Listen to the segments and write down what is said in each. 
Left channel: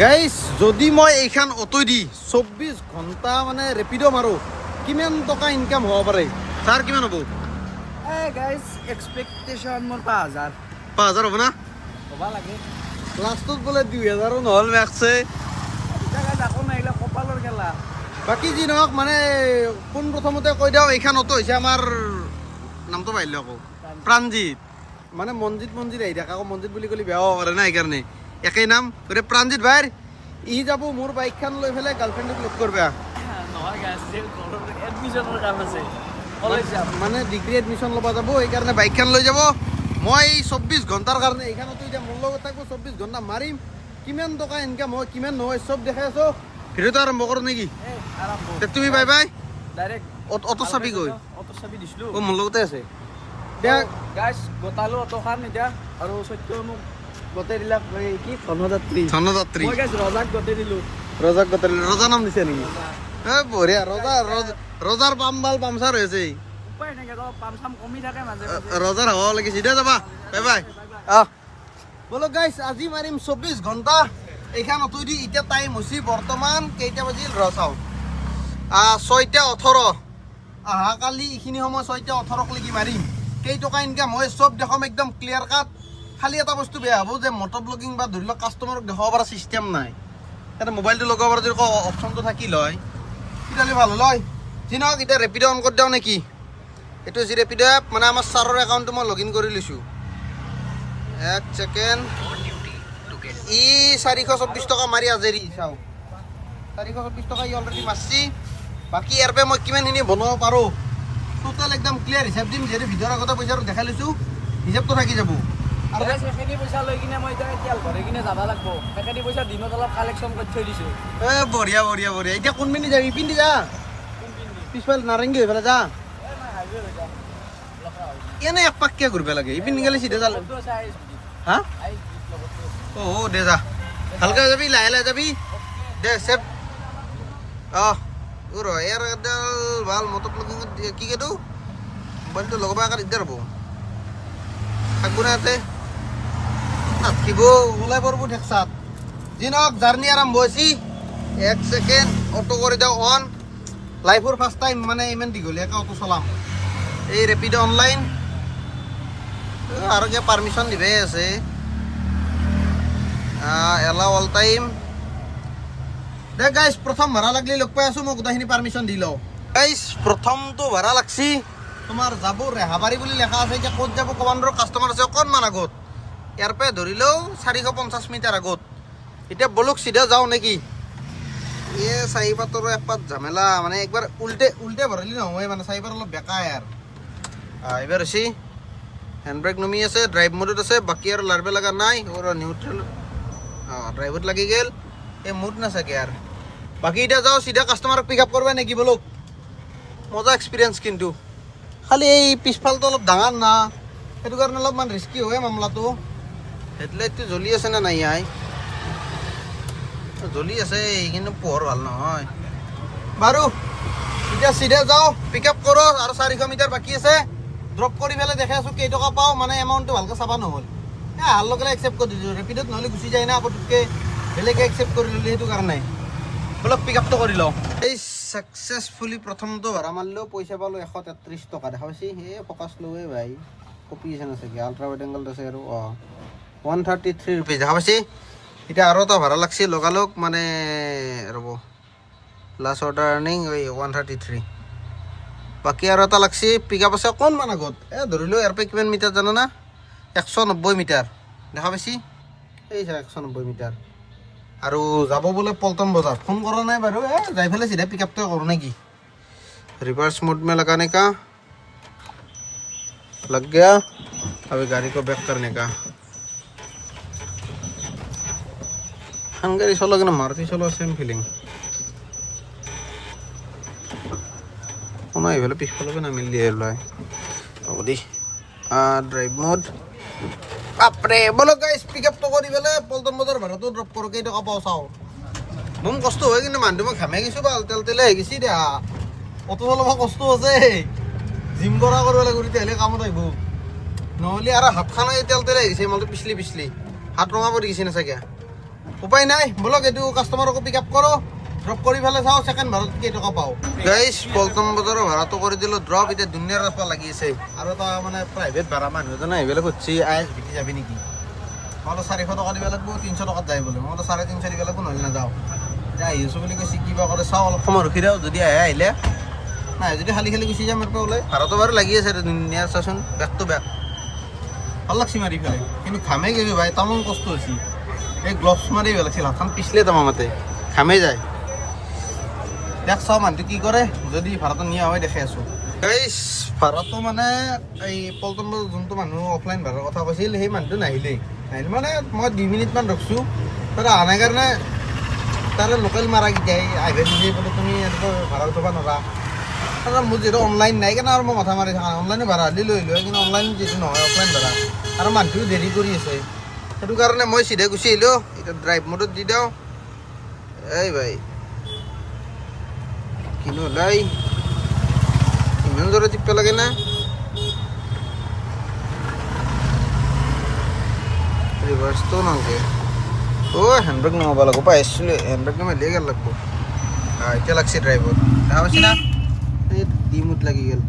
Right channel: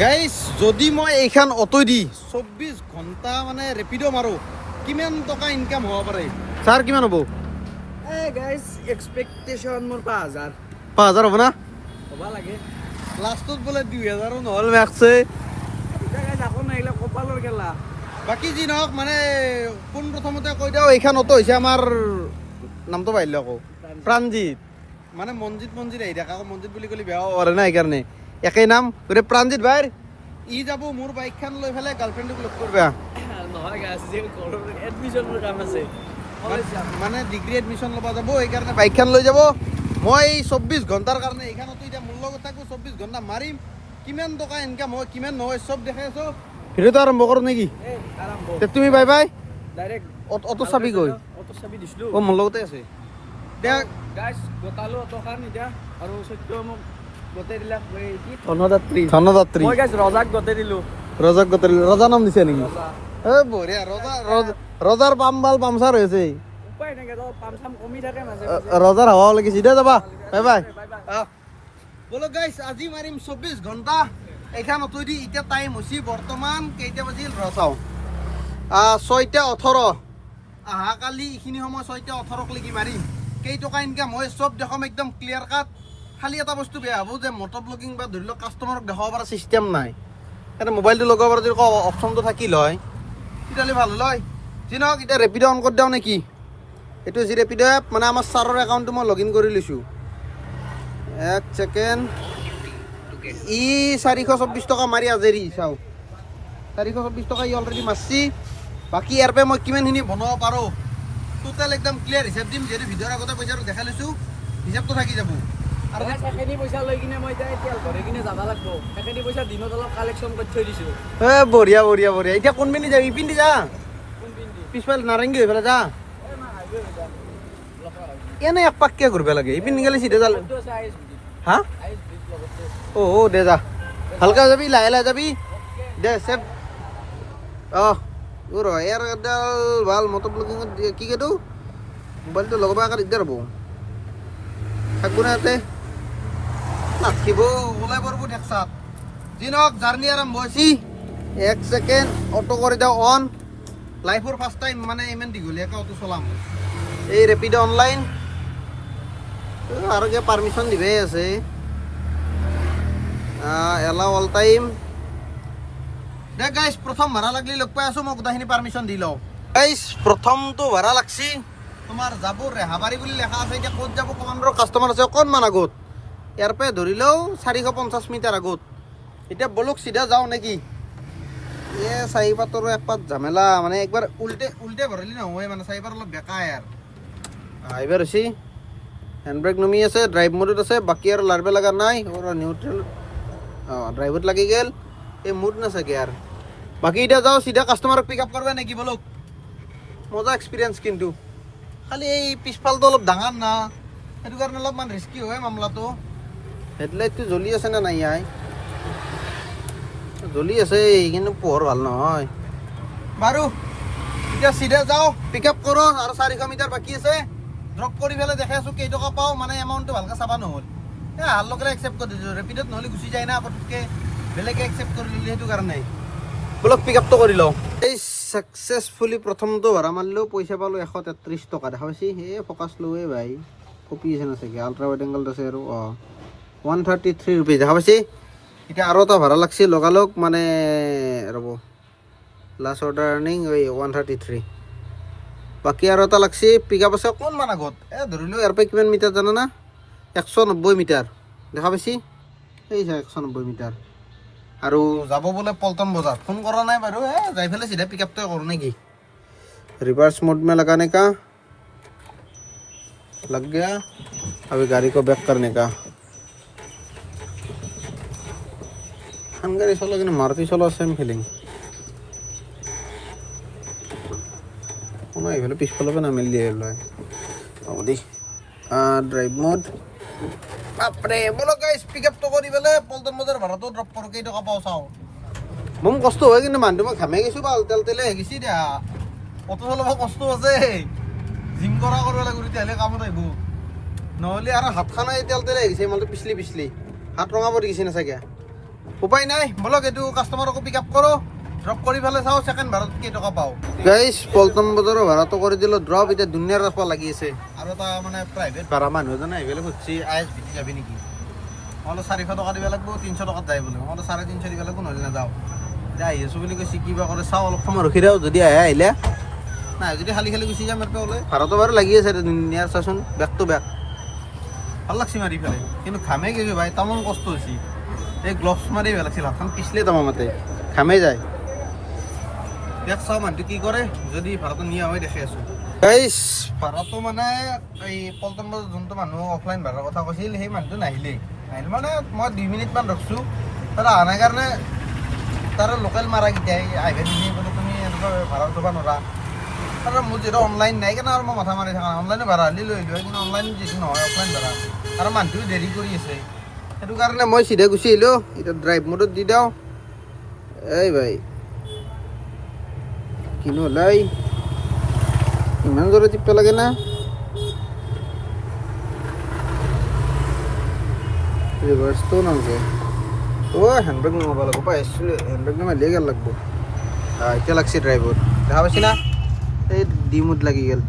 Guys যদি মই এইখন অটো দি 24 ঘণ্টা মানে ৰেপিড' মাৰো কিমান টকা ইনকাম হ'ব পাৰে ছাৰ কিমান হ'ব গাইজ এক্সপেক্টেশ্যন মোৰ 5,000 হ'ব না হ'ব লাগে লাষ্টত বোলে 2,000 নহ'ল মেক্সে এতিয়া গাইজ আকৌ নাহিলে কপালৰ খেলা বাকী যি নহওক মানে পোন প্ৰথমতে কৈ দিওঁ এইখন অটো হৈছে আমাৰ নামটো পাৰিলে আকৌ প্ৰাণজিত মানে মনজিত আহি থাকে আকৌ মনজিত বুলি ক'লে বেয়া হ'ব পাৰে না সেইকাৰণে একেই নাম গতিকে প্ৰাণজিত ভাইৰ ই যাব মোৰ বাইকখন লৈ পেলাই গাৰ্লফ্ৰেণ্ডক লগ কৰিবা নহয় গাইজ ঘৰৰ এডমিশ্যনৰ কাম আছে মানে ডিগ্ৰী এডমিশ্যন ল'ব যাব সেইকাৰণে বাইকখন লৈ যাব মই 24 ঘণ্টাৰ কাৰণে এইখনতো এতিয়া মোৰ লগত থাকোঁ 24 ঘণ্টা মাৰিম কিমান টকা ইনকাম হয় কিমান নহয় চব দেখাই আছো ভিডিঅ'টো আৰম্ভ কৰোঁ নেকি তুমি বাই বাই ডাইৰেক্ট অটো চাবি গৈ অটো চাবি দিছিলোঁ অঁ মোৰ লগতে আছে দে গাইজ গোটালোঁ অটোখন এতিয়া আৰু সত্য মোক গোটেই দিলাক কি ধনদাত্ৰী ধনদাত্ৰী মই গাইজ ৰজাক গোটেই দিলোঁ ৰজাক গোটেই ৰজা নাম দিছে নেকি ৰজা এ বঢ়িয়া ৰজাৰ পামচাৰ হৈছে উপায় নাই পাম চাম কমি থাকে মাজে ৰজাৰ হাৱা লাগিছে দে যাবা বাই বাই আহ বোলো গাইছ আজি মাৰিম 24 ঘণ্টা এইখন অটো দি এতিয়া টাইম হৈছে বৰ্তমান কেইটা বাজিল ৰ চাওঁ 6:18 অহাকালি এইখিনি সময় 6:18 লৈকে মাৰিম কেইটকা ইনকাম হয় চব দেখাম একদম ক্লিয়াৰ কাট খালি এটা বস্তু বেয়া হ'ব যে মটৰ ব্লগিং বা ধৰি লওক কাষ্টমাৰক দেখাব পৰা চিষ্টেম নাই এতিয়া মোবাইলটো লগাব পৰা যদি অপশ্যনটো থাকিল হয় তেতিয়াহ'লে ভাল হ'ল হয় যি নহওক এতিয়া ৰেপিড' অন কৰি দিওঁ নেকি এইটো যি ৰেপিড' এপ মানে আমাৰ ছাৰৰ একাউণ্টটো মই লগ ইন কৰি লৈছোঁ এক ছেকেণ্ড ই 424 টকা মাৰি আজৰি চাওঁ 424 টকা ই অলৰেডি মাৰছি বাকী ইয়াৰ পৰা মই কিমানখিনি বনাব পাৰোঁ টোটেল একদম ক্লিয়াৰ হিচাপ দিম যিহেতু ভিডিঅ'ৰ আগতে পইচাটো দেখাই লৈছোঁ হিচাপটো থাকি যাব আৰু সেইখিনি পইচা লৈ কিনে মই এতিয়া তেল ভৰাই কিনে যাব লাগিব সেইখিনি পইচা দিনত অলপ কালেকশ্যন কৰি থৈ দিছোঁ বঢ়িয়া এতিয়া কোনপিনে যাবি ইপিনে যা পিছফালে নাৰেংগী হৈ পেলাই যা এনে এক পাককে ঘূৰিব লাগে ইপিনে গ'লে চিধা যা হা অ' দে যা ভালকৈ যাবি লাহে যাবি দে চেফ অঁ ৰ ইয়াৰ এডাল ভাল মটৰ ব্লগিঙত কি কেইটো মোবাইলটো লগাব একে দিগদাৰ হ'ব থাকিব না ইয়াতে নাথাকিব ওলাই পৰিব ঠেকচাত যি নহওক জাৰ্ণি আৰম্ভ হৈছে এক ছেকেণ্ড অটো কৰি দিওঁ অন লাইফৰ ফাৰ্ষ্ট টাইম মানে ইমান দীঘলীয়াকৈ অটো চলাম এই ৰেপিড' অনলাইন আৰু কিবা পাৰ্মিশ্যন দিবই আছে এলাও অল টাইম দে গাইছ প্ৰথম ভাড়া লাগিলে লগ পাই আছোঁ মই গোটেইখিনি পাৰ্মিশ্যন দি লওঁ গাইছ প্ৰথমটো ভাড়া লাগছি তোমাৰ যাব ৰেহাবাৰী বুলি লেখা আছে এতিয়া ক'ত যাব কমাণ্ডৰ কাষ্টমাৰ আছে অকণমান আগত ইয়াৰ পৰা ধৰিলেও 450 মিটাৰ আগত এতিয়া বলক চিধা যাওঁ নেকি চাৰিপাতৰো একপাত ঝামেলা মানে একবাৰ উল্টে ভৰিলে নহয় মানে চাৰিপাত অলপ বেকা ইয়াৰ এইবাৰ হৈছে হেণ্ড ব্ৰেক নমি আছে ড্ৰাইভ মোডত আছে বাকী আৰু লাৰবে লগা নাই নিউট্ৰেল ড্ৰাইভত লাগি গ'ল এই মুড নাচাকে আৰু বাকী এতিয়া যাওঁ চিধা কাষ্টমাৰক পিক আপ কৰিব নেকি বলক মজা এক্সপিৰিয়েঞ্চ কিন্তু খালি এই পিছফালটো অলপ ডাঙৰ না সেইটো কাৰণে অলপমান ৰিস্কি হয় মামলাটো হেডলাইটটো জ্বলি আছে নে নাই আই জ্বলি আছে কিন্তু পোহৰ ভাল নহয় বাৰু এতিয়া চিধা যাওঁ পিক আপ কৰোঁ আৰু 400 মিটাৰ বাকী আছে ড্ৰপ কৰি পেলাই দেখাই আছোঁ কেইটকা পাওঁ মানে এমাউণ্টটো ভালকৈ চাবা নহ'ল হাল লগে একচেপ্ট কৰি দিছোঁ ৰেপিডত নহ'লে গুচি যায় না পটককৈ বেলেগে একচেপ্ট কৰি ল'লে সেইটো কাৰণে বলক পিক আপটো কৰি লওঁ এই ছাকচেছফুলি প্ৰথমটো ভাড়া মাৰিলেও পইচা পালোঁ 133 টকা দেখা পাইছি সেই ফ'কাছ লৈয়ে ভাই কপি আছে না চাগে আল্ট্ৰা ৱাইড এংগল আছে আৰু 133 ৰুপিজ দেখা পাইছি এতিয়া আৰু এটা ভাড়া লাগছি লগালগ মানে ৰ'ব লাষ্ট অৰ্ডাৰ আৰ্নিং 133 বাকী আৰু এটা লাগছি পিক আপ আছে অকণমান আগত ধৰিলোঁ ইয়াৰ পৰা কিমান মিটাৰ জানা না 190 মিটাৰ দেখা পাইছি এই 190 মিটাৰ আৰু যাব বোলে পল্টন বজাৰ ফোন কৰা নাই বাৰু যাই পেলাই চিধা পিক আপটো কৰোঁ নেকি रिवर्स मोड में लगाने का लग गया अभी गाड़ी को बैक करने का हंगारी चलो कि मारुति चलो सेम फीलिंग ना ये पिछफाल ना मिल दिए अब दी ड्राइव मोड बापरे बोलो गाइस पिकअप तो करी পেলে পল্টন বজাৰ ভাড়াটো ড্ৰপ কৰোঁ কেই টকা পাওঁ চাওঁ মোৰ কষ্ট হয় কিন্তু মানুহটো মই ঘামে গৈছোঁ বা তেলে হৈ গৈছি দেহা অটো চলাব কষ্ট আছে জিম কৰা কৰিব লাগিব তেতিয়াহ'লে কামত আহিব নহ'লে আৰু হাতখন তেলে হৈ গৈছে মালটো পিছলি হাত ৰঙা পৰি গৈছে না চাগে উপায় নাই বলক এইটো কাষ্টমাৰকো পিক আপ কৰোঁ ড্ৰপ কৰি পেলাই চাওঁ ছেকেণ্ড ভাড়াত কেইটকা পাওঁ গাইজ পল্টন বজাৰৰ ভাড়াটো কৰি দিলোঁ ড্ৰপ এতিয়া দুনিয়াৰ ৰাস্তা লাগি আছে আৰু এটা মানে প্ৰাইভেট ভাড়া মানুহ এজনে আহিবলৈ খুজিছে আই বিকি যাবি নেকি মই বোলো 400 টকা দিব লাগিব 300 টকাত যায় বোলে মই বোলো 350 দিব লাগিব নহ'লে নাযাওঁ এতিয়া আহি আছোঁ বুলি কৈছে কিবা কৰে চাওঁ অলপ সময় ৰখি দিওঁ যদি আহিলে নাই যদি খালি খালি গুচি যাম ইয়াৰ পৰা ওলাই ভাড়াটো বাৰু লাগি আছে দুনিয়াৰ চাচোন বেক টু বেক ভাল লাগছি মাৰি পেলাই কিন্তু ঘামে গেলি ভাই তামাম কষ্ট হৈছে এই গ্লভছ মাৰি পেলাইছিল হাতখন পিছলে তামামতে ঘামে যায় দেখ চাওঁ মানুহটো কি কৰে যদি ভাড়াটো নিয়া হয় দেখে আছোঁ গাইজ ভাড়াটো মানে এই পল্টন বজাৰত যোনটো মানুহ অফলাইন ভাড়াৰ কথা কৈছিল সেই মানুহটো নাহিলে মানে মই 2 মিনিটমান ৰখছোঁ তাৰ অহা নাই কাৰণে তাৰ লোকেল মাৰাকেইটাই আহিব দিছে বোলে তুমি এনেকৈ ভাড়া উঠাব নোৱাৰা আৰু মোৰ যিহেতু অনলাইন নাই কাৰণে আৰু মই মাথা মাৰি থাকা অনলাইনে ভাড়া হ'লে লৈ আহিলোঁ কিন্তু অনলাইন যিটো নহয় অফলাইন ভাড়া আৰু মানুহটো দেৰি কৰি আছে সেইটো কাৰণে মই চিধা গুচি আহিলোঁ এতিয়া ড্ৰাইভ মোডত দি দিওঁ এই ভাই কিনো ওলাই ইমান জোৰে টিপিব লাগে না ৰিভাৰ্চটো নালগে হেণ্ডব্ৰেক নমাব লাগিব পাইছিলোঁ হেণ্ডব্ৰেক নমাৰিলে গেল লাগিব এতিয়া লাগছে ড্ৰাইভত দেখা পাইছে না এই ডিমুত লাগি গ'ল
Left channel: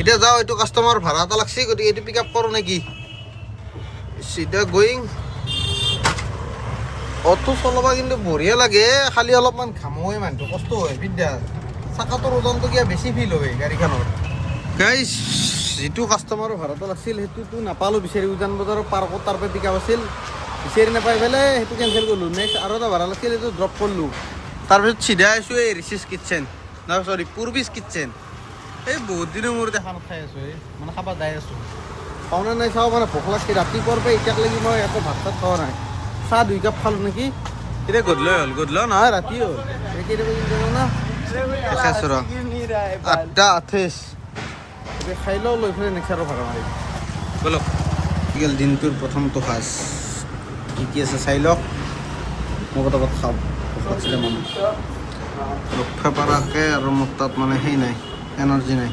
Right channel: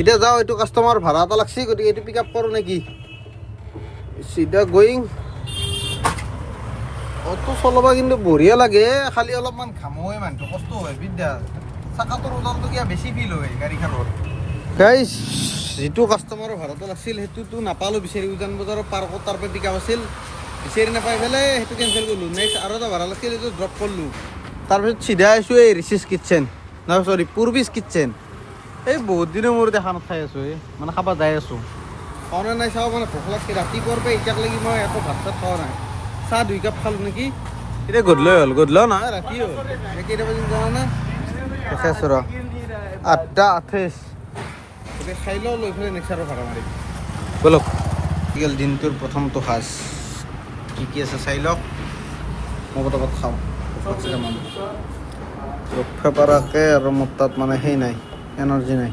এতিয়া যাওঁ এইটো কাষ্টমাৰ ভাড়া এটা লাগছে গতিকে এইটো পিক আপ কৰোঁ নেকি চিধা গোয়িং অটো চলাব কিন্তু বঢ়িয়া লাগে খালি অলপমান ঘামোৱে মানুহটো কষ্ট হয় বিদ্যা চাকাটোৰ ওজনটো কিবা বেছি ফিল হয় গাড়ীখনৰ গাইজ যিটো কাষ্টমাৰৰ ভাড়াটো লাগছিল সেইটোতো নাপালোঁ বিচাৰি উজান বজাৰৰ পাৰ্কত তাৰ পৰা পিক আপ আছিল বিচাৰি নাপাই পেলাই সেইটো কেঞ্চেল কৰিলোঁ নেক্সট আৰু এটা ভাড়া লাগিছিল সেইটো ড্ৰপ কৰিলোঁ তাৰপিছত চিধা আহিছোঁ এই ৰিচিছ কিটচেন নহয় চৰি পূৰ্বিছ কিটচেন এই বহুত দিনৰ মূৰত দেখা নাখাই আছোঁ এই মানে খাব যাই আছোঁ পাওনে নাই চাওঁ মানে ভোক লাগছে ৰাতিপুৱাৰ পৰা এতিয়ালৈকে মই একো ভাত চাত খোৱা নাই চাহ 2 কাপ খালোঁ নেকি এতিয়া গধূলি হ'ল গধূলিও নহয় ৰাতি হ'ল এতিয়া কেইটা বাজিল জানা না দেখে আছোঁ ৰ 8:28 এতিয়া খাই লওঁ লৈ পেলাই নেক্সট আৰু ভাড়া মাৰিম বলক কি গ'ল দিনটোৰ প্ৰথমটো সাজ কি আছে চাই লওক মই পটাপট খাওঁ ভোক লাগছে তামান ৰক্ষা পৰাকৈ আৰু মোৰ তাত মানে সেই নাই এনাৰ্জি নাই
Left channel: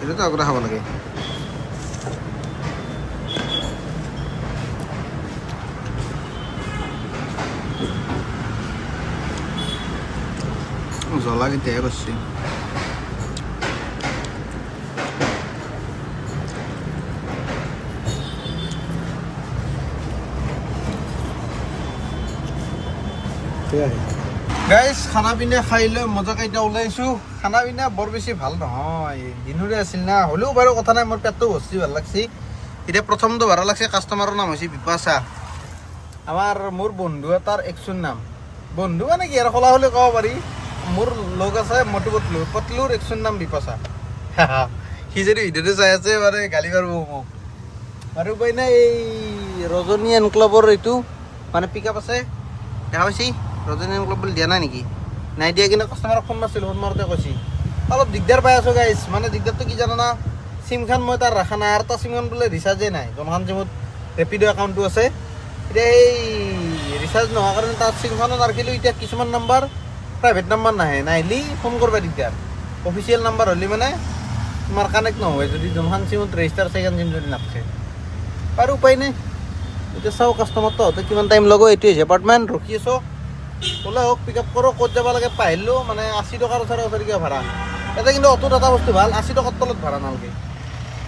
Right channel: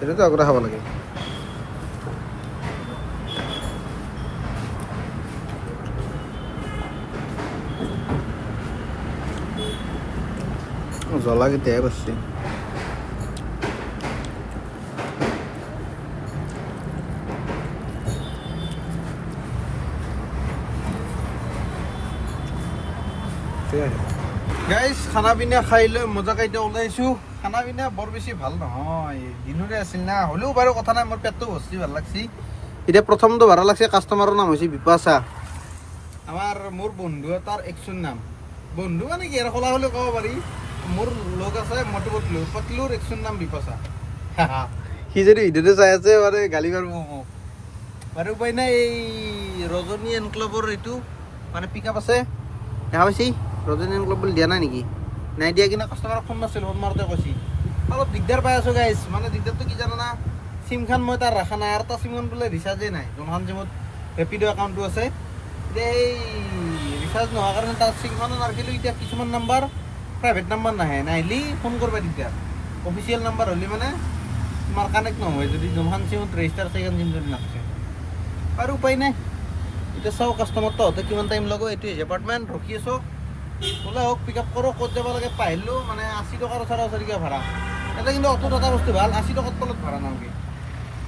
এইটোতো আগতে খাব লাগে জ্বলা কেতিয়াহে কৰিছে গাইজ খানা পিনা খাই লৈ মজাকৈ এতিয়া ওলাইছোঁ খানা পিনা বৰ বেছি ভাল নহয় দিনৰে আছিল না হ'লেও বাৰু কথা নাই মোৰ পেটটো ভৰ্তি ভাল লাগছি এতিয়া প্ৰথমটো ভাড়া লাগছে কাষ্টমাৰৰ নাম হৈছে বিপাশা মোৰ বন্ধু এটাৰ একচোন নাম বন্ধু মানে কি আৰু খোলা হ'লে ক'ব পাৰি মোৰ লগ আছে মটু পটলুৰ একচোন নাম বিপাশা সি যদি ভিডিঅ'টো চাই আছে মানে গালি পাৰিব মোক আৰু উপায় নাই এই ৰজনী এনক্লাবৰ এইটো মানে পিক আপ আছে দেখা পাইছি ৰজনী এনক্লাব বুলি দিয়া নাই নেকি নাই দিয়া কিন্তু কাষ্টমাৰক ফোন মাৰিছিলোঁ ফোন মাৰোঁতে কৈছি অলপ দিগদাৰ পাই আছোঁ গাইজ মানে দিগদাৰটো কি জানা না চিমখন মই তাৰ ৰখা নাই আৰু তাৰ চিমখন বোলে ৰিচাৰ্জেই নাই যোনখন চিমত ৰেপিড' একাউণ্টটো আছে এতিয়া এই ৰিচাৰ্জ নোহোৱাৰ কাৰণে তাৰ চিমখনো নাৰাখিলোঁ এতিয়া কিছুমান নাম্বাৰ প্ৰাইভেট নাম্বাৰ নাহিলে ফোন কৰিব দিগদাৰ অফিচিয়েল নাম্বাৰ হ'লে মানে তোমাৰ কানেক্ট নহয় যদি যোনখন চিমত ৰেজিষ্টাৰ আছে সেইখন চিম যদি নাথাকে আৰু উপায় নাই এতিয়া চাওঁ কাষ্টমাৰটো হওঁতে কিমান টাইম ল'ব এইটো হৈছে এপাৰ্টমেণ্ট ৰখি আছোঁ ওলাই হওক পিক আপ কৰোঁ ক'ত যাব লাগে পাহিলোঁ মানে 80 টকাৰ ওচৰা ভাড়া ইয়াতে কিন্তু অটোত এটা বস্তু ভাল 80 টকাৰ তলত ভাড়া নালাগে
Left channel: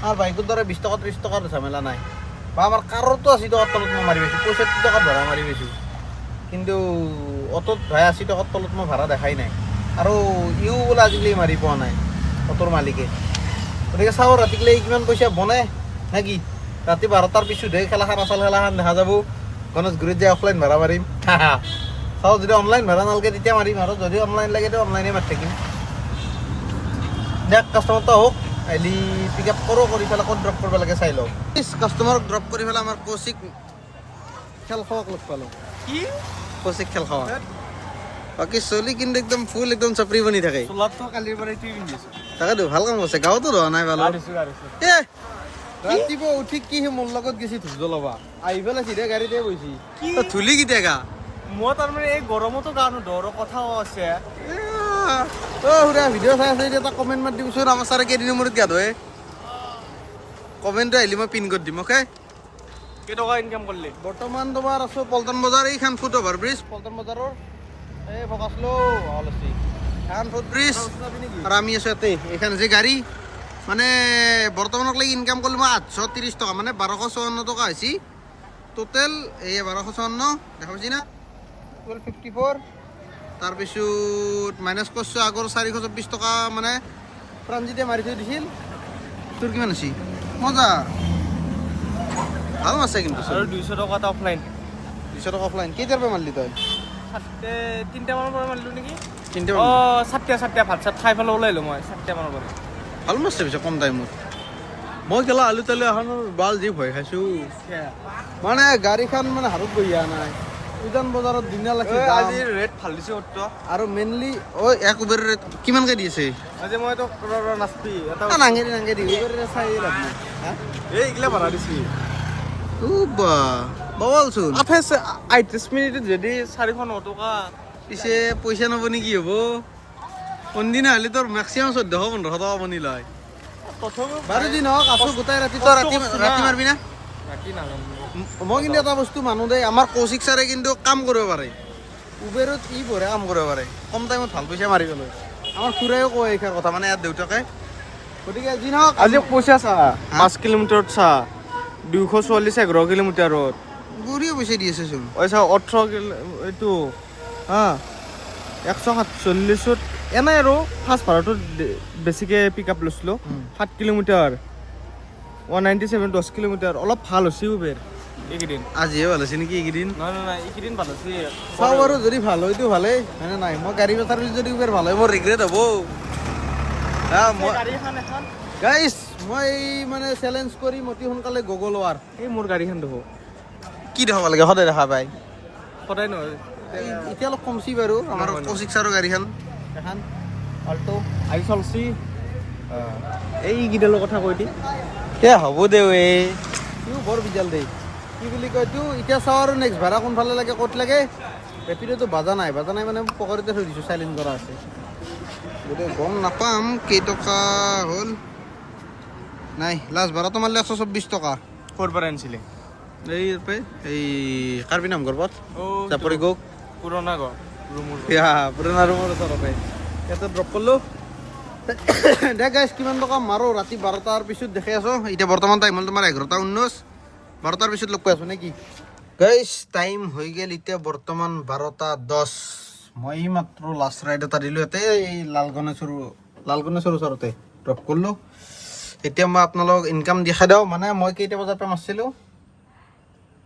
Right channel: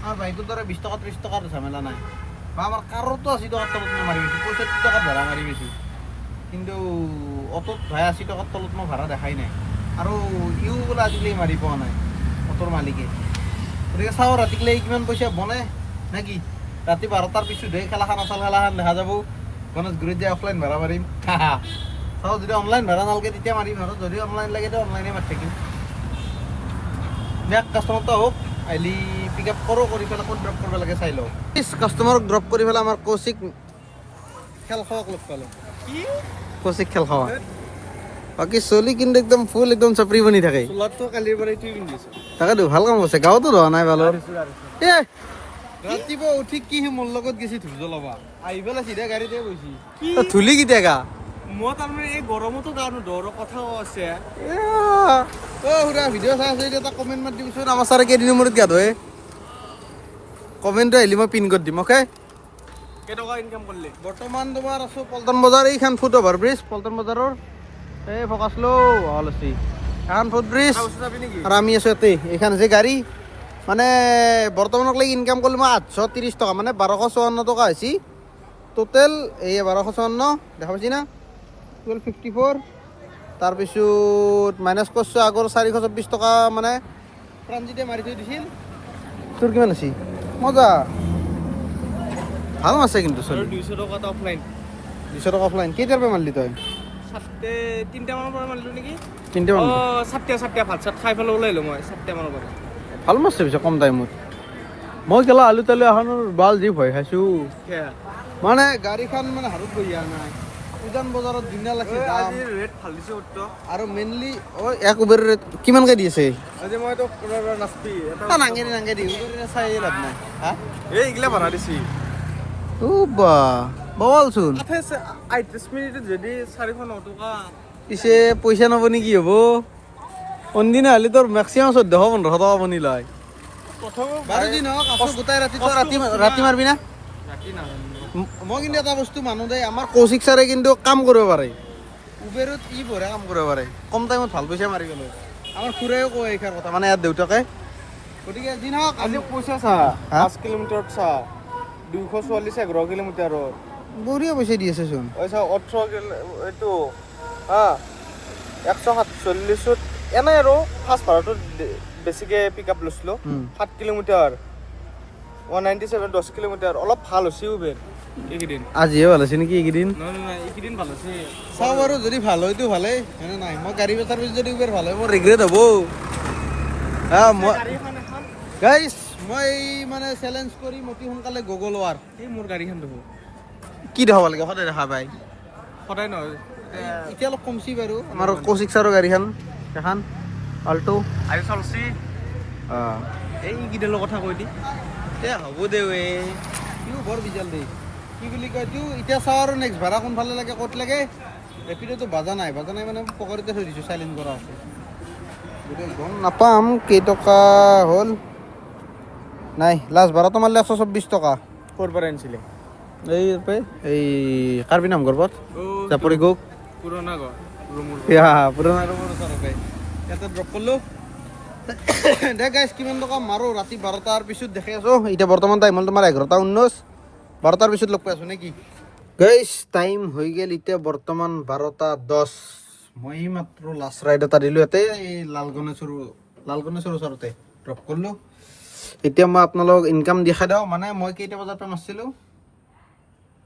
আমাৰ বাইকৰ দৰে 20 টকা 30 টকাৰ ঝামেলা নাই বা আমাৰ কাৰতো 80 টকাৰ তলত মই মাৰি পাইছোঁ 65 টকাত ভাড়া মাৰি পাইছোঁ কিন্তু অটোত ভাই 80 টকাৰ তলত মই ভাড়া দেখাই নাই আৰু ইও বোলে আজিকালি মাৰি পোৱা নাই অটোৰ মালিকে গতিকে চাওঁ ৰাতিকলৈ কিমান পইচা বনে নে কি ৰাতি 12টাৰ পিছতহে খেলাখন দেখা যাব গণেশগুৰিত যায় অফলাইন ভাড়া মাৰিম চাওঁ যদি অনলাইন ভাড়া নালাগে তেতিয়া মাৰিম আৰু যদি অনলাইন লাগে তেতিয়া অনলাইনে মাৰি থাকিম নেক্সট কাষ্টমাৰটো হওক আহিলি পিক আপ কৰোঁ কৰি পেলাই ক'ত ড্ৰপ কৰিব লাগে চাই লওঁ কাষ্টমাৰক ড্ৰপ কৰি পেলাই আমাৰ কৌশিক খেল খোৱাক লগ পালোঁ কি কৌশিক খেল খোৱা বাকী চলি কিন্তু একদম ফুল একদম চাপৰি বনি থাকে চোলাটো কালিৰ পৰা এইটোৱে পিন্ধিছোঁ তাকেতো ভাল কাম কৰিছে গাঁৱতো ধৰা নাই ভাল ৰাতিপুৱা উঠি কি সি মোৰ লগত গেছি ধুই জ্বলাবা আহি পেলাই চিধা গাড়ীতে বহিছি ধুলি কেতিয়া গা মই তাৰমানে এই গৰমতো গা নোধোঁ কথাও আছে সুৰা ভিডিঅ' চাই আছে এতিয়া এটা কমেণ্ট মাৰি দিবচোন আমাৰ ছাৰে কেইদিনৰ মূৰত গা ধোৱে কমেণ্টটো আহিলে মই পিন কৰি দিম অ'কে কেইটকা ইনকাম কৰিলি বৰ্তমান তোমাৰ আছো পল্টন বজাৰ এইখন ফুট অভাৰ ব্ৰিজ পল্টন বজাৰৰ এই ফকাচ লো ভাল আছে এখন ফুট ব্ৰিজ যাবি নেকি আৰু আমি আছো ইয়াতে এইখন যে গাড়ী মানে বৰ্তমানলৈকে ইনকাম কৰিলোঁ মই 830 টকা মানে 1254 টকা হৈছে টোটেল এই 1254 দেখা পাইছি না 1254 তাৰপিছত মাইনাছ কৰিছোঁ আগৰ 424 টকা মানে প্ৰাঞ্জিতে মাৰি থৈ দিছিল তোৰ কিমান আছে মজা ভাল আছে কিন্তু আৰু 200 টকা এটা অফলাইন 200 টকা অফলাইন কেইটাৰ পৰা মাৰিলি তই 3টা মানৰ পৰা মাৰিলোঁ নেকি তিনিটা মান অঁ 7টা ভাত চাত খাই পেলাই ওলাইলোঁ মই 7টা মানৰ পৰা ভাল মাছ পিছে কম টাইমত মই গেলা আলু তালু এখন বাল যি ভয় খাইছোঁ মানে গাড়ীখন মানে হাতত বহি অহা নাই উজান বজাৰত ধুনীয়া লাগি দাম ৰেট ভাল দিছে আৰু মেইনলি এক উবেৰ ৰেট কিমানকৈ দি আছে আজি মই এইটো নাচপি এটা নাংগেৰি উবেৰ চাই লাভ নাই হা এইগিলা বনাই দিছি ও বা বলচোন 38 মিনিটত যদি 409 টকা পিছে পইচা নব নেকি হ'ব কোনদিনা হ'লে তোৰ মেক্সিমাম 1400-1500 টকা বনি লয় বাৰু যি নহওক আছো গোটাই ৰাতি তই ৰাতি মাৰবি না ৰাতি নাযাম মই কিন্তু এটা বস্তু মানুহ দেই আমাৰ কৌশিক ছাৰে কিন্তু কাম কৰিব পাৰে উবেৰত ই বঢ়িয়া কাম কৰিব পাৰে কম টাইমত ভাল পইচা মাৰিবলৈ আমাৰ খুৰাইও কয় এইষাৰ কথা মানে ইয়াৰ দেউতাকে গতিকে যি নহওক আজি পইচা চা 5 কিলোমিটাৰত চা 244 কিলোমিটাৰত বঢ়িয়া পইচা দি আছে চোন পইচা 18 এইটো হা 147 এনে আৰু ফাৰ্ষ্ট ভাড়াটো বেছিকৈ পিক আপ লৈছিলোঁ 7 কিলোমিটাৰ 197 10 কিলোমিটাৰ অলপ ভাল হৈছে উবেৰ এইকেইদিন আজিহে ভাল হৈছে নেকি এইকেইদিন নাই এইকেইদিন ভাল হৈছে চাওঁ বাৰু যদি ভাল হয়তো ভালেই হয়নে নাই মই গাড়ী চাৰ্ভিচ যদি উবেৰ ভাল হয় মোৰ ৰিগ্ৰেট হ'ব গাড়ীখন এখন গাইছ মই মানে চেলেঞ্জ কৰি অতি সোনকালে গগল হোৱাৰ এই মোৰ গাড়ীখন দেখো কি দেখাব লাগে সদায় দেখা পায় সদায় নহয় এতিয়া অলপ কমছি বাৰু আমাৰ কৌশিক ছাৰৰ গাড়ীখন এখন আল্টো আজি চলছি এইকেইডালৰ কথা কৈ দি এ হ'ব দে এই সিও বৰ বিজাল দেই কি বুলি কয় তোৰ এতিয়া চাওঁ আৰু নেক্সট ভাড়া কোনফালে লাগে ক'ত লাগে ৰেপিডোটো বাজা নাই মানে পকেটতে থৈ দিছোঁ চাইলেণ্ট কৰা আছে গতিকে গম নাপাম কেইটকা হ'ল নাই লাষ্ট ভাড়াটো মাৰিলে 124 টকা ক'ৰ পৰা আনিছিলে এই কাৰ্বি নামঘৰ পথ চাপৰি গৌক পুৰণা ঘৰ ৰুমৰ পুৰণা ৰুমৰ ওচৰতে ইয়াতে ড্ৰপ কৰিলোঁ দে গাইছ কিমান টকা মাৰোঁ ৰাতি 12টাৰ পিছত দেখি আছোঁ এতিয়া বৰ্তমান টাইম হ'ল তোমাৰ 11:19 12টাৰ পিছত লগ পাই আছোঁ নে কি গাইছ টাইম হৈ গ'ল এতিয়া বৰ্তমান 12:10 মই মাত্ৰ লাষ্ট ৰাইড এটা দিলোঁ ইয়াতে এই লালগণেশ্বৰ ওচৰতে ড্ৰপ কৰিলোঁ এতিয়া মই আপোনালোকক ইনকাম দেখাই দিওঁ মানে মই কেইটা বজাৰ পৰা মাৰিছিলোঁ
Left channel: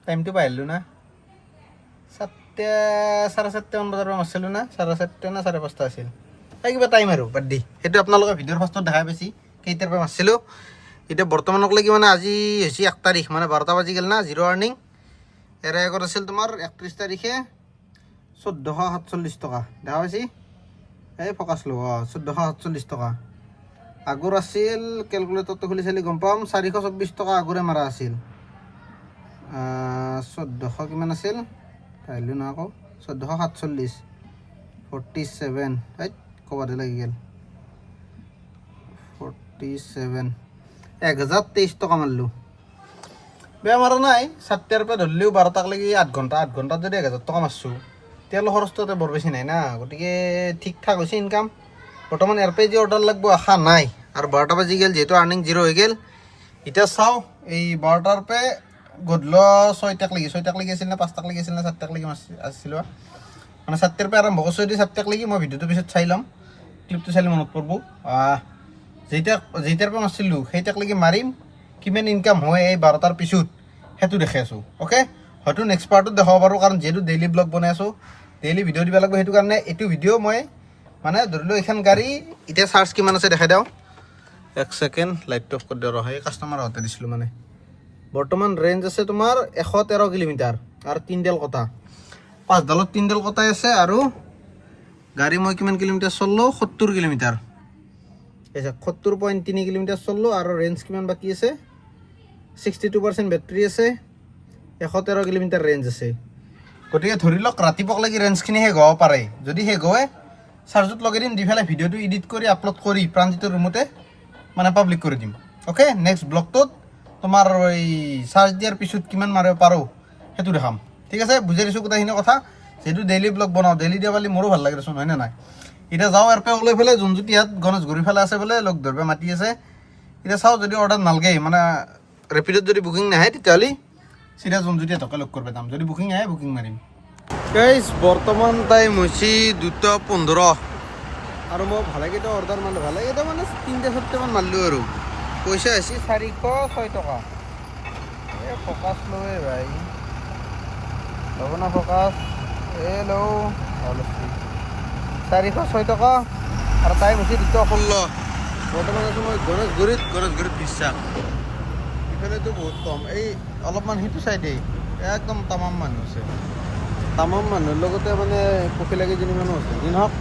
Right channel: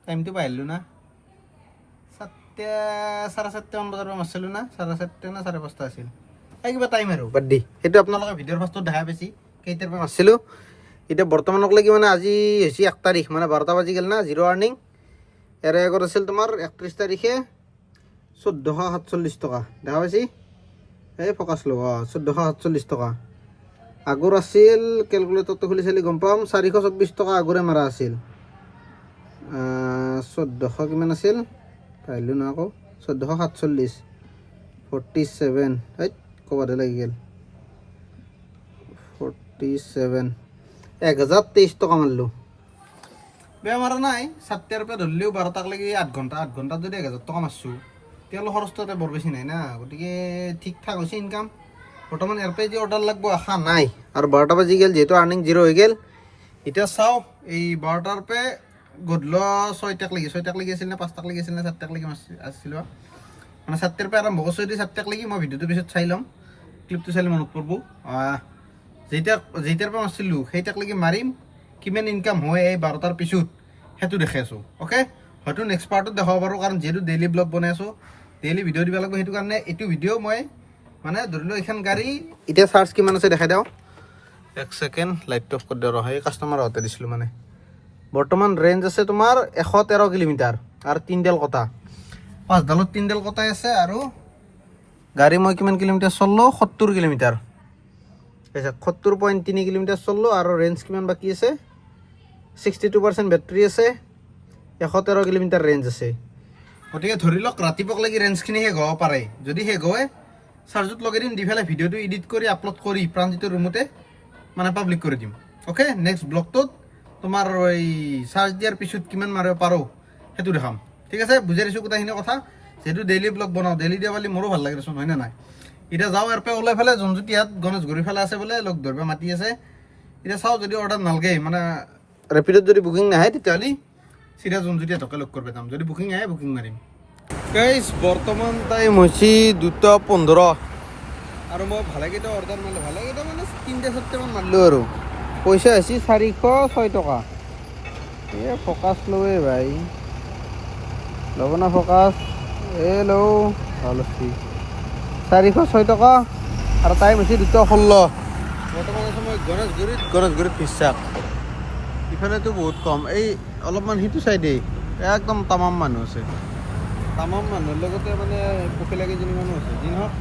টাইমটো পাই আহিলোঁ না 4:30 মান বজাৰ পৰা মাৰিছিলোঁ না 4:30 না 5:30 আছিল এই কিবা টাইম আৰু বাদ দি সেইটো আপোনালোকে ভিডিঅ'ৰ ফাৰ্ষ্টত দেখা পাইছি কেইটাৰ পৰা মাৰিছিলোঁ এতিয়া বৰ্তমানলৈকে মানে আজি হৈছে 1 তাৰিখ মানে 12টা বাজি গ'ল না জিৰ' আৰ্নিং ইয়াৰে আগত আছিল তোমাৰ 31 তাৰিখে 1447 টকা দেখা পাইছি এই ফকাচ লো 1447 টকা আগৰ আছিল কেলকুলেটৰটো খুলি চালি গম পাম 424 টকা আগৰে মাৰা আছিল 1400 কিমান আছিল পাইলোঁ না আকৌ 1447 47 এই ক'বাতে লাগি গ'ল 47 1023 টকা মাৰিলোঁ বেয়া মাৰা নাই 7টাৰ পৰা ধৰিলেও 12টালৈকে 8 ঘণ্টাত যদি 1000 টকা মাৰিছোঁ তেলৰ খৰচটো বৰ বেছি নাই না গতিকে ঠিক ঠাক হৈছে ইনকাম বৰ্তমান ইয়াৰ পৰাই যে অৰ্ডাৰ লাগব আশা নাই আৰু 12টা বাজি গ'ল যিহেতু আৰ্নিং জিৰ' হৈ গ'ল এতিয়া চাওঁ এই 12টাৰ পৰা গধূলি 6টাক লাগি আছিল নে 5টাক লাগি আছিল নে 7টাক লাগি আছিলোঁ মানে 7টাৰ পৰা আৰম্ভ কৰিছোঁ যদি 7টাক লাগি মই ভিডিঅ'টো পিছত চাই ল'ম ক্লিপটো চালে মনত পৰিব যেইটাৰ পৰা মাৰিছিলোঁ সেইটাক লাগি মাৰিম কিমান ইনকাম হয় এই 12টাৰ পিছত সেইটো দেখাই আছোঁ অ'কে হয়তো নেক্সট পাৰ্টত দেখাব পাৰোঁ কাৰণ যিহেতু ডেইলি ব্লগ বনাই আছোঁ ডেইলি ভিডিঅ' দিব লাগিব সেইটো কাৰণে এইটো ভিডিঅ' মই মানে ধৰিলোঁ এইখন গাড়ী এতিয়া চাৰ্জ কিমান আছে দেখাই দিওঁ 1 ছেকেণ্ড লাইটটো অফ কৰি দিওঁ ৰ সেই কাষ্টমাৰ হওঁতে দিছিলোঁ মানে বৰ্তমান ৰেঞ্জ আছে তোমাৰ 113 কিলোমিটাৰ আৰু 3ডাল কটা 5ডালত 3ডাল কটাই আছে আৰু গাড়ী মই কিমান কিলোমিটাৰ চললোঁ 70 কিলোমিটাৰ 70.3 কিলোমিটাৰ চললোঁ আৰু ৰেঞ্জ কিমান বাকী আছে 62% বেটাৰী আছে 113 কিলোমিটাৰ ৰেঞ্জ আছে গতিকে ধৰি লওক ৰাতিপুৱা লাগি ৰেঞ্জখিনি শেষ হ'ব পাৰে যদি শেষ হয় চাৰ্জত লগাই দিম দি পেলাই ভিডিঅ'টো এডিট কৰি আপলোড কৰি প্ৰাঞ্জিতৰ ৰুমতে মানে পাব্লিক কৰি দিম অ'কে নেক্সট ব্লগটোত তোমাৰ এই চাৰ্জ দিয়াৰ পিছত কিমান মাৰিব পাৰোঁ সেইটো দেখাম ঠিক আছে বুজাই দিছোঁ গোটেইখিনি কথা যিহেতু ডেইলি ব্লগ বনাওঁ ডেইলি দিয়া পালি মোৰো ভাল লাগে দেচোন হয়নে নাই এতিয়া যাওঁ ইয়াৰ পৰা ওলাই পেলাই যোনজুটিয়াত গণেশগুৰি ফালে আছে বোলে লগ ধৰিব মাতি আছে এতিয়া চাওঁ যদি অৰ্ডাৰ নালগে মানে ৰেপিডত যদি বুকিং নাহে তেতিয়াহ'লে চিধা যোনজুটিয়া টকা লগ কৰিব যাম যদি বুকিং আহে বুকিং মাৰিম গাইজ বৰ্তমান টাইম হৈছে 2:15 আৰু মই ভালেকেইটা অৰ্ডাৰ মাৰিলোঁ ভালেকেইটা মানে 3-4টামান মাৰিলোঁ আৰু পইচা হৈছে 406 টকা এই ফ'কাছ লওঁৱে ভাই ল'ব না ফ'কাছ লওঁ ভাল আছে 406 টকা আৰু টাইম হৈছে 2:16 বৰ্তমান আছোঁ মই গণেশগুৰিত বিশ্বাস ইফালেতো বহুত কম এই অলপমান সিটো চাইডেই একদম তামাম মানুহ আছে তামাম মানুহৰ লগতে মানে পখিলা কেইজনী মানুহ আছে যি নহওক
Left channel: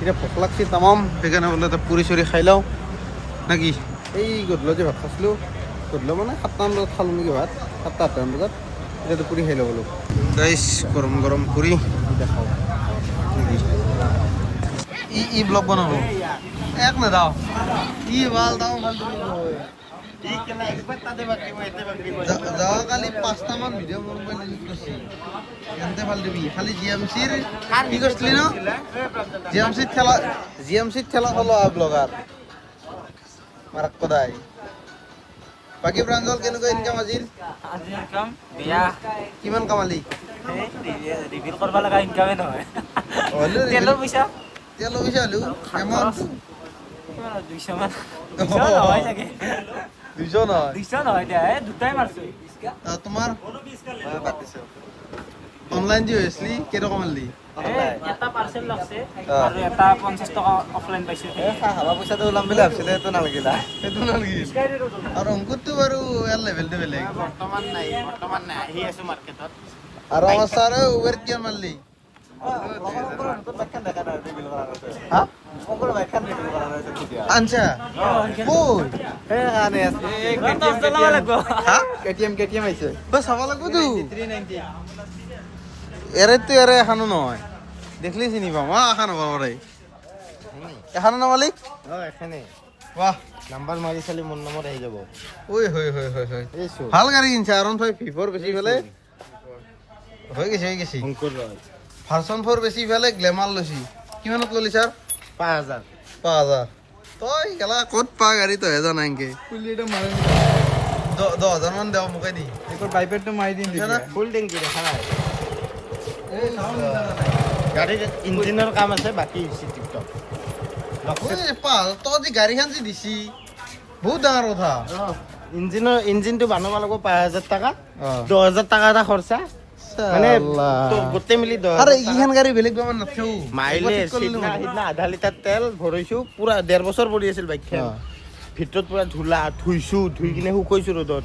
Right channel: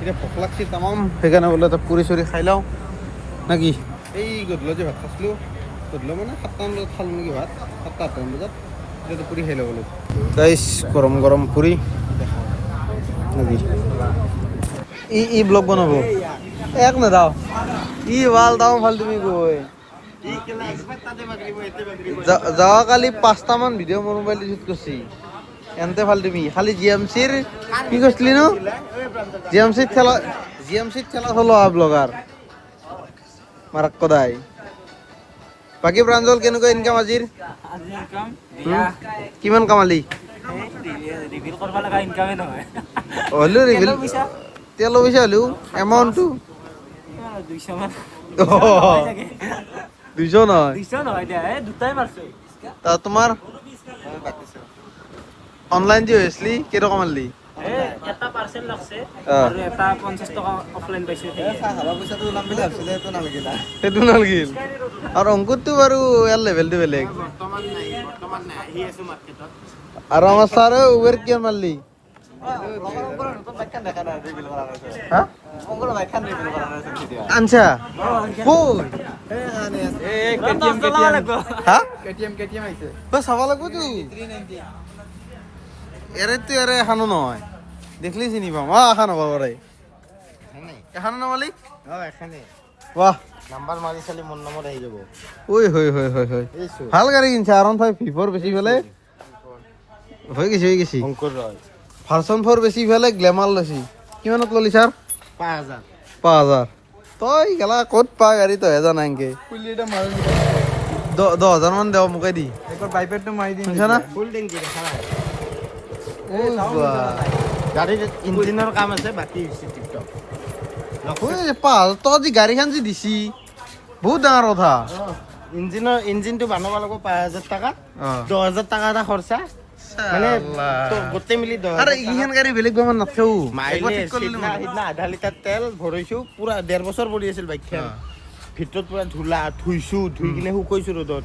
এতিয়া ভোক লাগছি তামাম সেইকাৰণে বোলে এটা পুৰি চুৰি খাই লওঁ নেকি এই গধূলি যে ভাত খাইছিলোঁ গধূলি মানে 7টামান বজাত খালোঁ নেকি ভাত 7-8টামান বজাত এতিয়াতো পুৰি খাই ল'ব বোলো গাইছ গৰম গৰম পুৰি দেখাওঁ নেকি ই ব্লগ বনাব এক নেদাও ই ভাল দাও ভাল তুমি গৈ যোৱাকালি 5টামান ভিডিঅ' মোৰ মোবাইল ইউজ কৰিছি এনতে ভাল তুমি খালি জিএমচিৰ কি কৰিছিলি ন জিএমচিত খেলা চলোৱা ব্লগাৰ মাৰাক কদাই বাকী প্ৰাঞ্জল কেনেকুৱা ইনকাম আজিৰ কিমান কামালি তেলৰ পইচা হ'লেও এমাউণ্টটো 200 নহয় তোমাৰ অনলাইন যে হৈছিলি কেইটকা মাৰলি এটা পাৰ্চেল লাগছে আৰু এটা 50 টকা অফলাইন পাইছে পইচাটো ওলাম বুলি ভাবছিলে সেইটো নালাগিল আৰু অংকুৰটো বাৰু ইয়াৰ লেভেলটো বেলেগ বৰ্তমান নাই আহি আছো মাৰ্কেটত আৰু আমাৰ ছাৰে উবেৰ কিমান মাৰলি আনছা চাব লাগবতো এৰেতো এৰে এখানো নহয় দেখলি চিনি পাম এখন হ'ব পাৰে এখানো না মালিক বাহ নাম্বাৰ মাৰি চালি মোৰ নম্বৰ আহি যাব ঐ হয় ভাল গাড়ী কিনছে R15 V4 বেছি পেলাই হৈ গৈছে অংকুৰ ৰয় ভাৰ্চন 4 বেছি পেলাই গ্লেমাৰ লৈছি কিমানত ল'লি ছাৰ 5,000 তই গেলা ক'ত পা গাড়ী তই জানা এনকে 10,000 মান দেও মোকে দি একবাৰ বাইপেডটো মাৰি দিম ফুল টেংকি দেখা নাই গাড়ীৰ ইঞ্জিনৰ কাম আছে বাকী টিপটপ তই যি গাড়ীখন যি দিছি বহুত ডাঙৰ কথা ইঞ্জিনটো বনাব লাগিব 5,000 টকা 10,000 টকা এটা খৰচা মানে গোটেই মিলি এইখন গাড়ী বেলেগ বেমাৰ নাথাকেও সিদিনা আধা লিটাৰ তেল ভৰাইছো পুৰা 1.5 বছৰ পৰি আছিল বাইকখন ভিতৰত পুৰা ধূলা ধুইছো ধুই কিনে শুকাইছো ৰ'দত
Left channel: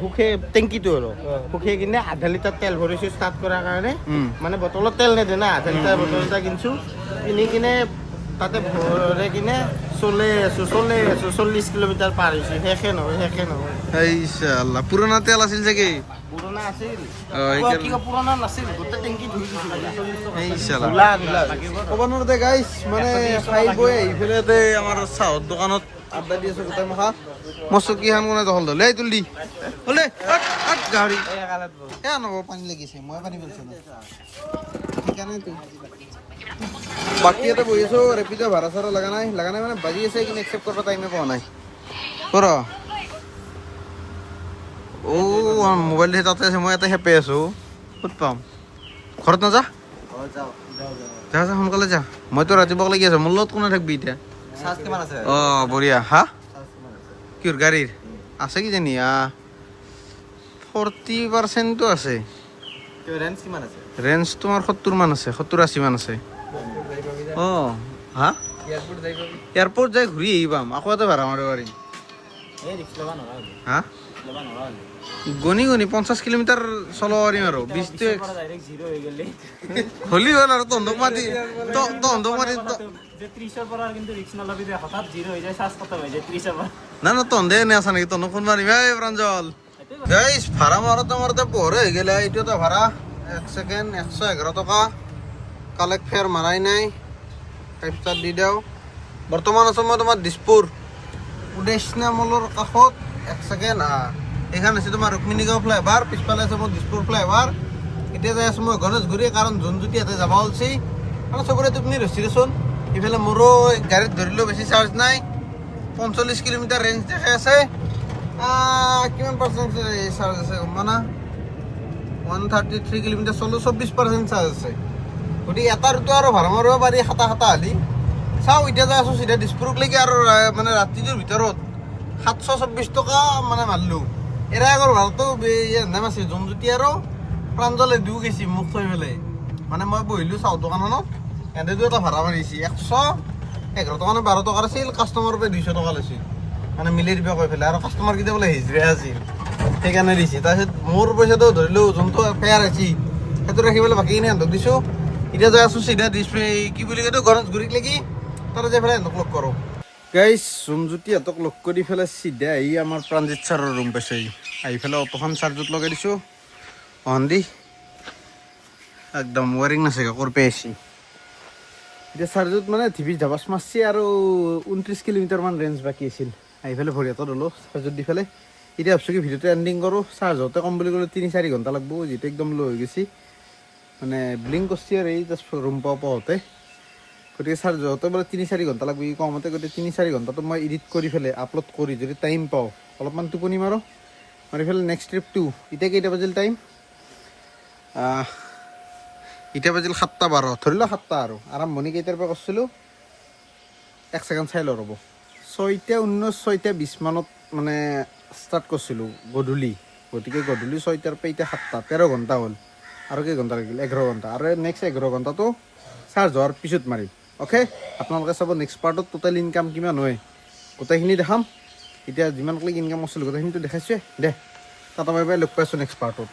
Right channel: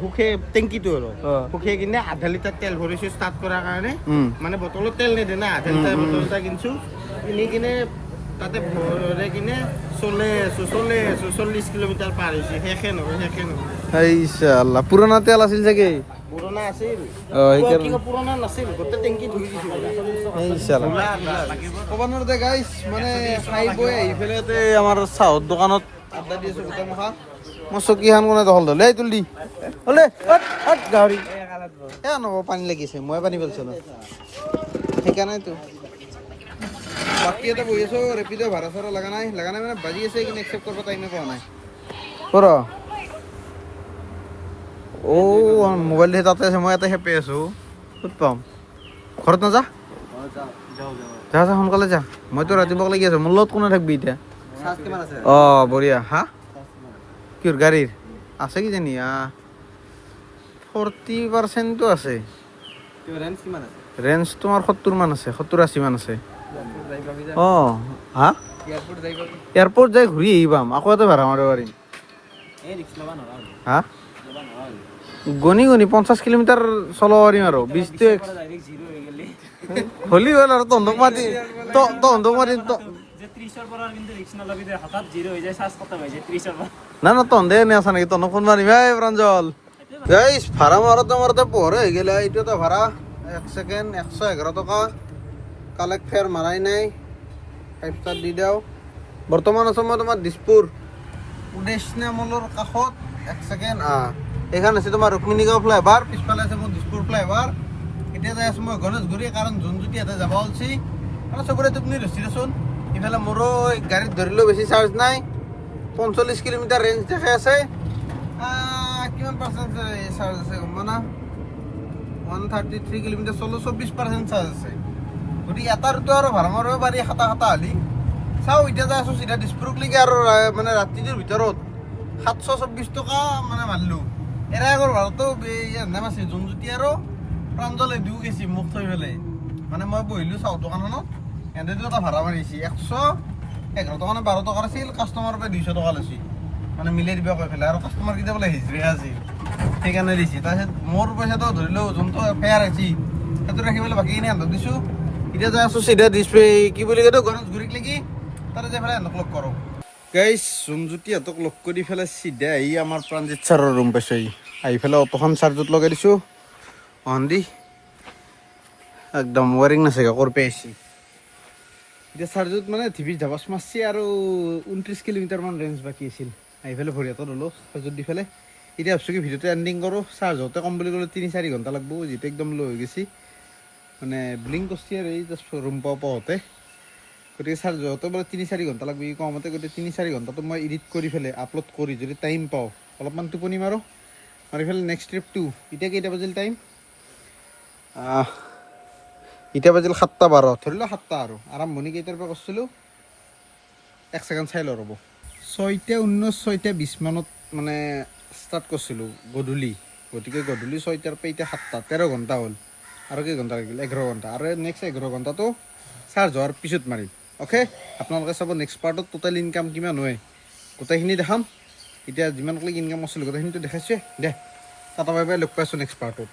শুকে টেংকিটো আৰু শুকাই কিনে আধা লিটাৰ তেল ভৰাইছো ষ্টাৰ্ট কৰাৰ কাৰণে মানে বটলত তেল নেদে না আধা লিটাৰ বটল এটা কিনছো কিনি কিনে তাতে ভৰাই কিনে চলে আছো 40 কিলোমিটাৰ পাৰ হৈছো শেষে নহয় পুৰণা তেল আছিল চাগে পুৰণা আছিল পুৰণা নাছিল গোটেই টেংকি ধুই দিছো ক'ব নোৱাৰোঁ গাইছ মানে খাই বৈ আহি পেলাই আমাৰ চাহৰ দোকানত আড্ডা দি আছো গোটেই মাখা মই চকীখন কোনে দখল ধৰিলে এই তুলি হ'লে গাহৰি নব পানী লাগিছে মই পানী পেলাইছিলোঁ সেইকাৰণেতো বাকী এটা বহি আছো ৰেপিড' ভাড়া চাড়া লগা নাই মানে বাজি আছে কিন্তু একচেপ্ট কৰিব টাইমে পোৱা নাই কৰ মোবাইল তাতে আছে মই ইয়াতে হেপে আছো ক'ত পাম ঘৰত নাযা যা সোনকালে যা মইতো ৰাতিপুৱা লাগি আছো মোৰ লগত কোনে থাকবি এতিয়া বঢ়িয়া হা কিহৰ গাড়ীৰ আছে কিজানি 40% আছে ৰেঞ্জ তোমাৰ 70 মান আছে 70-80 মান আছে হা এয়াৰপৰ্ট যাই ঘূৰি আহি পাম আকৌ এটা ভাড়া মাৰিব পাৰিম হা গণি 50 কিলোমিটাৰ চলাব পাৰিম আৰু 20 হলি হ'ল আৰু তহঁতক মাতি না তহঁতে এনে আছা নেকি তহঁতক ফোন মাৰিম প্ৰাঞ্জল গাইছ ভাড়া মাৰোঁতে পোহৰে হৈ গ'লে এইটো এটা ভাড়া 1 ছেকেণ্ড 111 টকা কালেক্ট ফেয়াৰ মাৰাই নাই 5 ষ্টাৰ দি দিওঁ বৰ্তমান আছোঁ মই তোমাৰ দিছপুৰ উদেশনা মলৰ কাষত এক ছেকেণ্ড এইখন আছে তোমাৰ ৰুক্মিণীগাঁও ফ্লাইঅভাৰ, পিছফালে আছে মোৰ দিছপুৰ ফ্লাইঅভাৰ। এতিয়া যাই আছোঁ মই গণেশগুৰি, কাৰণ জোনজ্যোতি ইয়াতে যাব ওলছি। মানে চবৰে টোপনি ধৰিছে দেচোন। ইফালে মোৰো গাড়ীত ধৰিলেও বেছি চাৰ্জ নাই, 45 কিলোমিটাৰ ৰেঞ্জ দেখাই আছে। কিমান পাৰ্চেণ্ট চাৰ্জ আছে গম পোৱা না? 133 কিলোমিটাৰ চলো, 24% চাৰ্জ আছে। গতিকে এটা ৰুটো আৰু ভাড়া মাৰিব পাৰি খাটা হালি। চাওঁ এতিয়া যাই আছোঁ চিধা দিছপুৰলৈকে, আৰু মানে ৰাতিটোৰ ভিতৰত 724 টকা মানে মাৰিলোঁ। এৰা আগৰ ভাড়াটো নাম আছে জোনজ্যোতি আৰু প্ৰাঞ্জলে দিও গৈছি মোক থৈ পেলাই। মানে মই বহিলোঁ চাহ দোকানখনত, সিহঁতেতো এটা ভাড়া মাৰিছে 111 টকা নে 12 টকাৰ আছিল, কাষ্টমাৰৰ পৰা 200 টকা লৈছে, মানে মিলাই দিব কৈ পেলাই। আৰু কাষ্টমাৰ কেইটা বোলে হিজৰা আছিল, সেইকাৰণে দিছে। তাৰপিছত মোৰ পইচাটো ধৰিলোঁ যোনটো ফেয়াৰ হৈছে সেইটো ৰাখি পেলাই বাকীখিনি সিহঁতক দিছোঁ। এতিয়া যাই আছোঁ চিধা কি বুলি কয় গণেশগুৰিত লাগি, তাতে যাই পেলাই সিহঁতক লগ কৰোঁ। গাইজ জোনজ্যোতিহঁতক লগ কৰি পেলাই চিধা আহি আমাৰ প্ৰাণজিত ছাৰৰ ৰুম পাইছে। আহি পেলাই অটোখন চাৰ্জত লগাই দিছোঁ, দি একদম ৱাৰিং নাচাগে কৰপে আহিছে। এতিয়া চাৰ্জত মানে টিভি ধাবাচ মাৰছি, আৰু 29 কিলোমিটাৰমান ৰেঞ্জ বাকী আছিল। আহি পেলাই ভৰিয়াটো ল'লোঁ চাৰ্জত দি পেলাই। এতিয়া ভাবছোঁ কি ভিডিঅ'টো এণ্ডিং কৰোঁ। চাৰ্জ হওঁতে কম বুলি ক'লে 3-4 ঘণ্টা লাগব, যিহেতু একদম ল' হৈ গৈছে। মানে ব্লিংক কৰিছে আৰু এই জাষ্ট ৰুম পাওঁতে। গতিকে চাৰ্জ হওঁতে বোলে 3-4 ঘণ্টা লাগব ই কমতে। গতিকে 3-4 ঘণ্টাটো মই এডিট কৰি পেলাই আপলোড কৰি যদি টাইম পাওঁ অলপমান টোপনি মাৰোঁ, মাৰি পেলাই নেক্সট ট্ৰিপটো। এতিয়া কেইটা বাজিল টাইম? এতিয়া বাজিল 7:12, ধৰি লওক 7টা। আৰু আৰম্ভণি কেইটাৰ পৰা কৰিছিলোঁ 1 ছেকেণ্ড চাই লওঁ ৰ'ব। 6:19, 6:20 মানত মানে ষ্টাৰ্ট কৰিছিলোঁ গধূলি। গতিকে গধূলি 6টাৰ পৰা এতিয়া 7টা, 13 ঘণ্টা হ'ল। আৰু কেই ঘণ্টা লাগিল? 11 ঘণ্টা। আৰু নেক্সট 11 ঘণ্টাটো চাৰ্জ হোৱাৰ পিছত মাৰিম। অ'কে, আপোনালোকে চাব নেক্সট পাৰ্টত টোটেল ইনকাম কিমান হয় গোটেইখিনি দেখাম। এতিয়া যিমান ক্লিক ইনকাম কৰিছিলোঁ গোটেইখিনিতো দেখাইছোৱে। দে টাটা বাই বাই, লগ পাইছোঁ নেক্সট পাৰ্টত।